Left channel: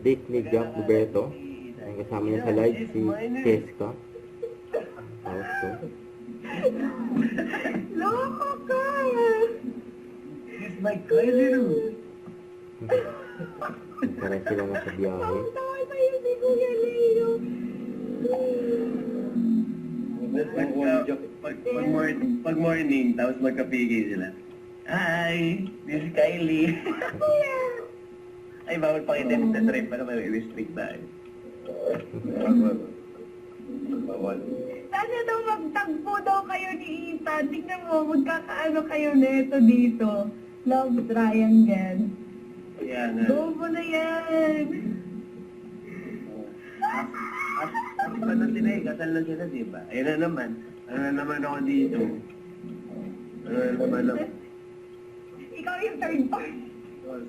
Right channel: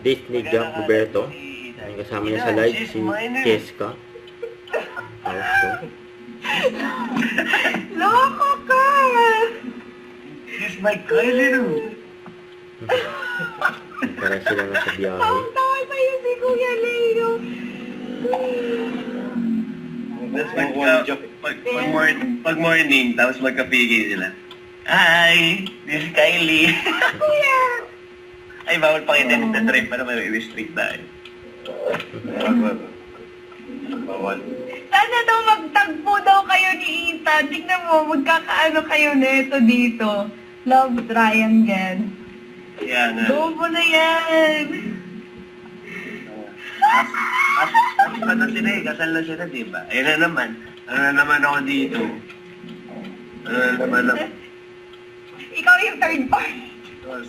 date ni Jack Roberto. Ang kasama niya sa live si Cheska. Also, Loko ka! She's my cousin. para sila na sa biyahe. Tawa sa'yo si Kuya Leo. That's pag morning, tapos magkapigil sila. Hi, this is Kylie. Kuya! Ay, bawal pakitin sa trip para may restrict tayo. Bawal. Sana daw magtagpo daw kayo ni Ethan. Tignan mo, magkakaano kayo neto dito. Love triangle. Yan. Go mo na yan. Kasal na sila eh. Kasal na sila, di ba? Ayun na naman. Ano na naman ako dito? Ano na naman ako? Ikaw yung third party.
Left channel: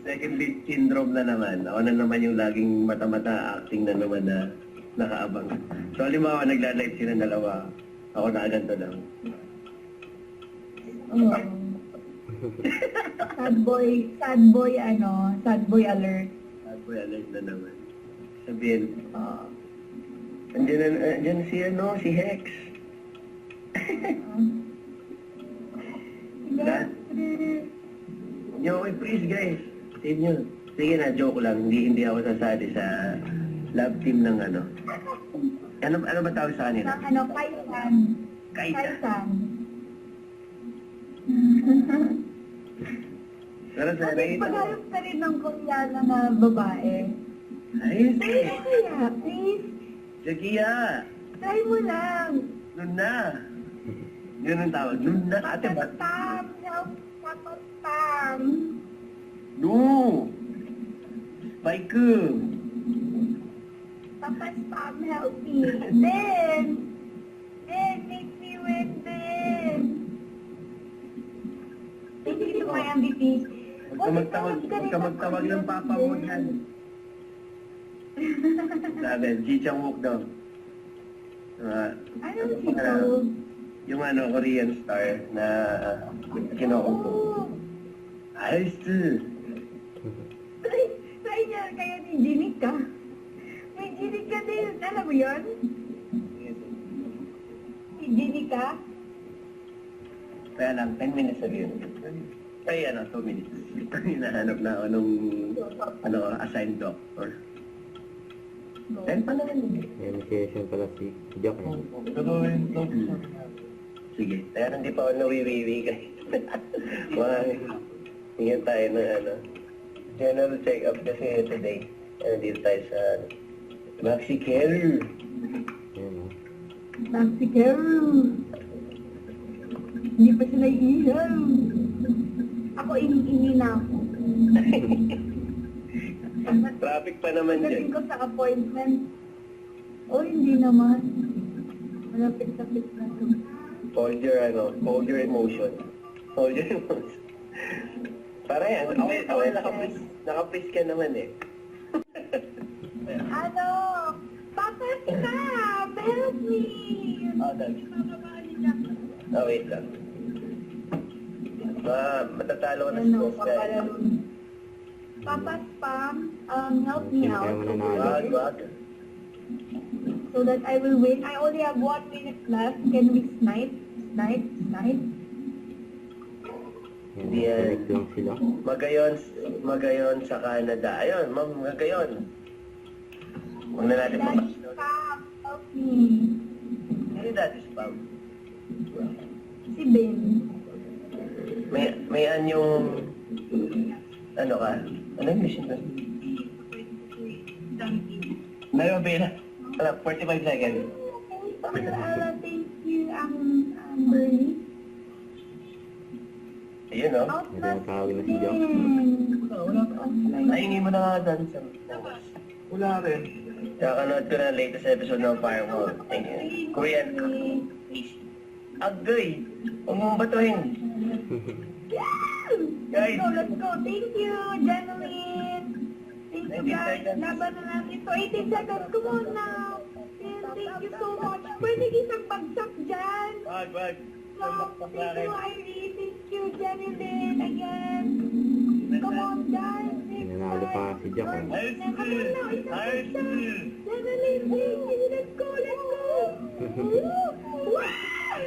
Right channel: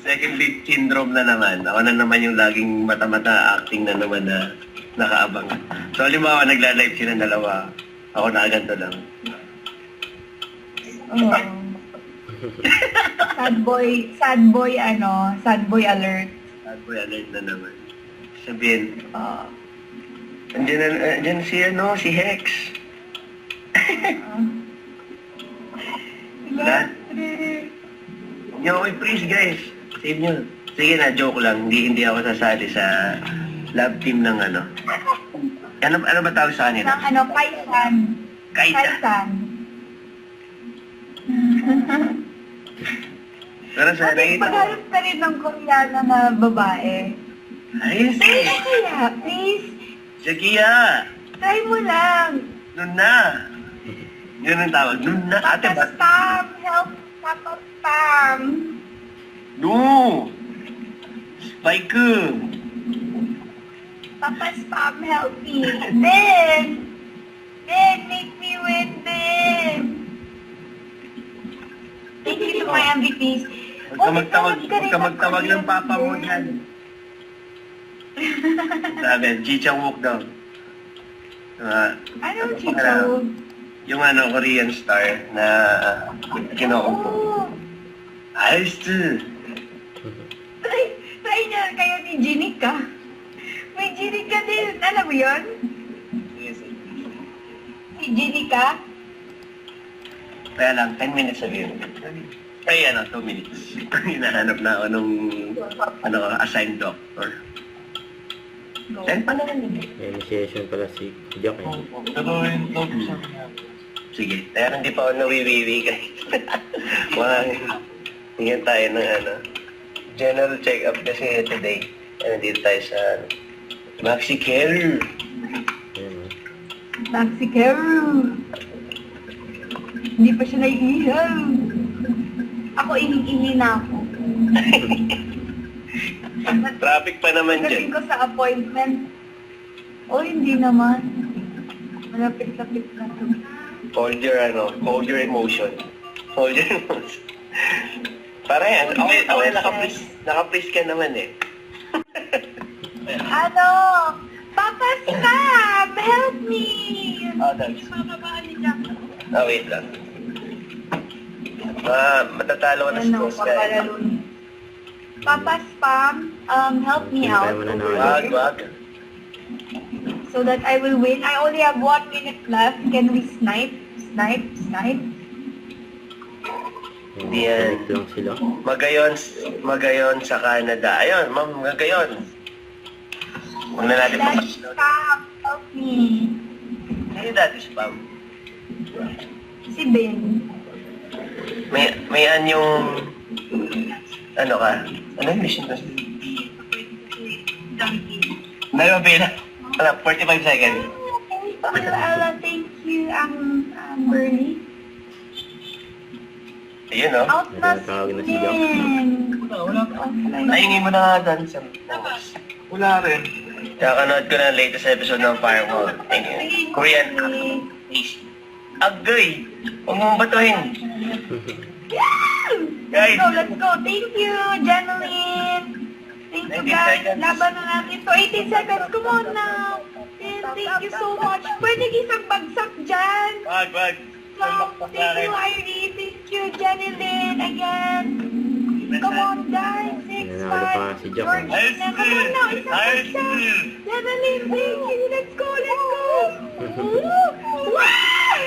Second lead syndrome na naman. Ako na naman yung laging mata-mata acting na naman na nakaabang. So, halimbawa, nagla-live sila dalawa. Ako nakaganto lang. Oh. Sad boy alert. Sad boy alert na naman. Sabihin, Oh. andyan si Hex. Lahat. Huwag niyo ako i-freeze, guys. Save niyo. Sige na, joke lang. Hindi ako sasali sa love team ng ano. Ano ba tawag sa kanila? Ng Kaisan. Kaisa. Kaisan. Pero sa Kasi nakita ko. maghanap ka rin ng Koreana na babae. Ayos Please, eh. kaya, please. Zakiya. Try mo lang. Nun na. Yun ang tawag. Nun na. Ate ba? Spam, help, Papa Spam. No. Spike. Papa Spam, help me. Ben, make me win, Ben. Thank you to my MVPs. Huwag ka magtawag ng papa mo dyan. Sabi, Jichang Wook daw. Anong chicho? Yung Korean star na kinukupo. Oh, Ayos to. try niya kayo ni Jenica. May Jenica din. Alam mo yun? Si Jenica? Kaya lang, 10 minutes sabihin. Ay, 2 minutes. Hinahanap na ako nung assigned doctor. Go. Send pa naman yun. May initiation pala si Jack eh. Sige, kaya hindi pa ako nawiwiwi guys. Tingnan tayo ng general check-up kasi today. Nandito tayo sa Maxi Care. Ayan o. Taxi Carew. Hindi pa siya naiihaw. Ako, ining-ihi na ako. Traffic pa naman Pagdating dyan. ko sa appointment. Oh, hindi naman. Malapit-lapit na to. Hold your emotion. Hold your emotion. Para yan. Okay, naka-freeze ka naman eh. Ano? Papa Spam, help me! That's... Bababaan ni Jack. wait lang. Matatalo ka na sa Ano, boss ka eh. papalalo niya. Papa Spam, help me Sino out. tayo mananalo? Wag. So that I will win. I only have 1 minute left. Can we snipe? Snipe? Hindi Yan. lang sila. Magayon sa Canada. Ayun, ma'am, magayon. Huwag na natin Daddy papaslow. Spam, help me. Hindi dati spam. Si Ben. May yung... Ano ka? Ano yung mission ko? Meron ba 45 seconds. Thank you, Bernie. Ayun, no? Out na Nagtatawag na si si Jack. Ben. Nahingin mo na nga dun sa... Wala rin. Kakanood ko na ang latest episode ng Firewall. Thank you. Korean. Agoy! Huwag mong batuhin. Guys. Let's go. Thank you, Janeline. Thank you, 19 guys. seconds. Laban na natin to. 18 seconds. Come on now. And thank you so much. Pwede isang bagsak dyan. Wag. Wow. Thank you, Irene. Thank you, Janeline. Again. Come on, guys. 6, Nanalo Nanalo pa nga si Jack. George, Ayos come on din. now, isang Ayos isa. din. Leveling, baby, let's go, let's go. Wow!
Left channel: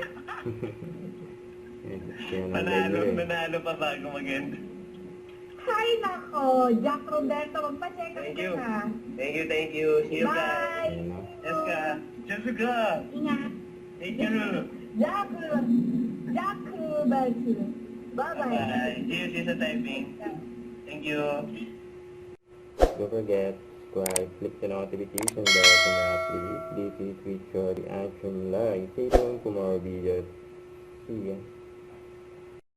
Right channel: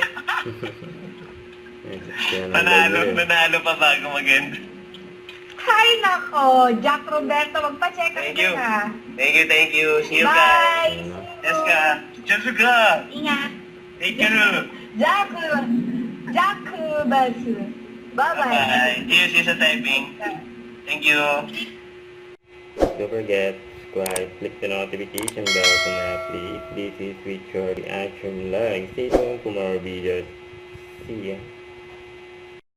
Nanalo pa bago mag-end. Hay nako, Jack Roberto, magpa-check up Thank ka you. na. Thank you. See you guys. Bye! Yes ka. Jessica. Ingat. Thank you. Jack Roberto. Bye-bye. Bye. See you sa typing. Thank you. Don't forget, subscribe, click the notification bell to now please. This is Richard Reaction Live. Stay tuned for more videos. See ya.